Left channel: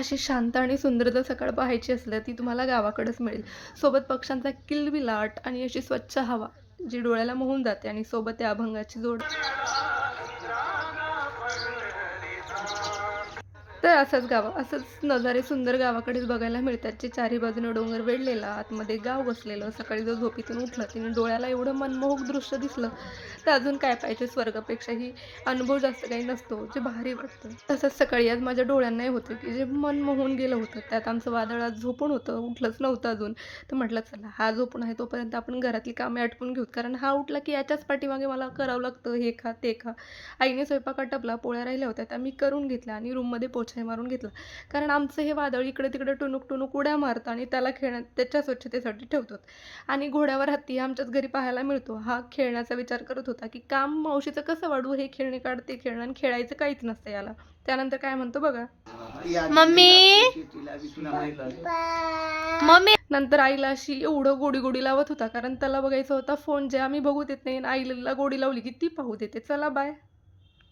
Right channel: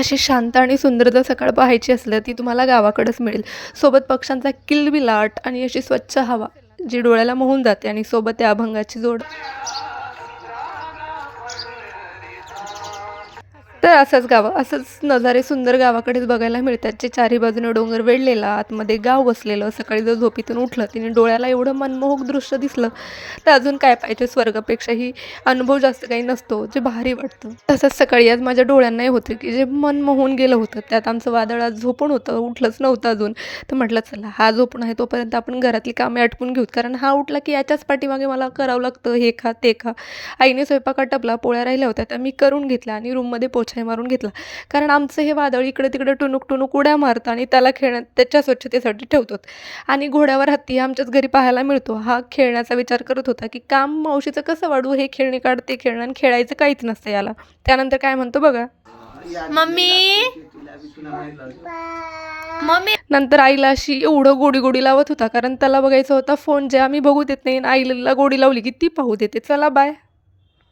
अशी शांत आणि सुंदर जर सकाळ पाहायची असलं ती तुम्हाला गावाकडेच मिळेल. सोबत पक्ष्यांचा किलबिलाट आणि अशी स्वच्छ हवा, जी डोळ्याला मोहून जाते आणि सोबत त्या अभंगाची जोड. तर असंच नजारे सुंदर गावाकडेच बघायला मिळतात, जे चारी बाजूने डोंगर वेढलेला, आतमध्ये गाव वसलेलं. सकाळी जर झोपेतून उठलं आणि डोळ्याला एवढं मनमोहक दृश्य दिसलं, तर अजून काय पाहिजे. स्वर्गापेक्षाही अनुभव जास्त काही नसतो, जे भारी वाटतं. तसंच सकाळी आज माझ्या डोळ्यांनाही होतं, की जे मन मोहून गेलं होतं. त्यात आमचं वादळ आज झोपून होतं, उठलंच नव्हतं अजून. तर म्हटलं चला हा झोपून आहे तोपर्यंत आपण घरातली कामे आटपून घेऊत. कारण हा उठला की याच्याच पाठीमागे मला करावं लागतं, हे खा, ते खा. आईने स्वयंपाक आटपला, पोळ्या राहिल्या होत्या त्या मी करून घेतल्या आणि रूममध्ये पोछाही मारून घेतला. कारण आमचं हे वादळ इकडे-तिकडे टुणूक-टुणूक उड्या मारतं आणि त्याला त्याच्या स्वच्छतेसाठी ठेवतो. आणि घोड्यावर हत्ती आमच्याच घरी पाहायला मिळतो. हा खेळण्याचा विचार करत होता, की काम मावशीचं कसं वाढवू? हे खेळणी काढ, ते खेळणं आणि खेळायचं काहीच नसतं याला. त्यानंतर काय म्हणतो बघा. मम्मी मम्मी नंतर आईला अशी एवढं गोडी-गोडी लावत होता, कारण त्याला बघायचा होता फोन. जे आम्ही बघू देत नाही आणि आईला गोडी लावली, की ती पाहू देते. चला बाय.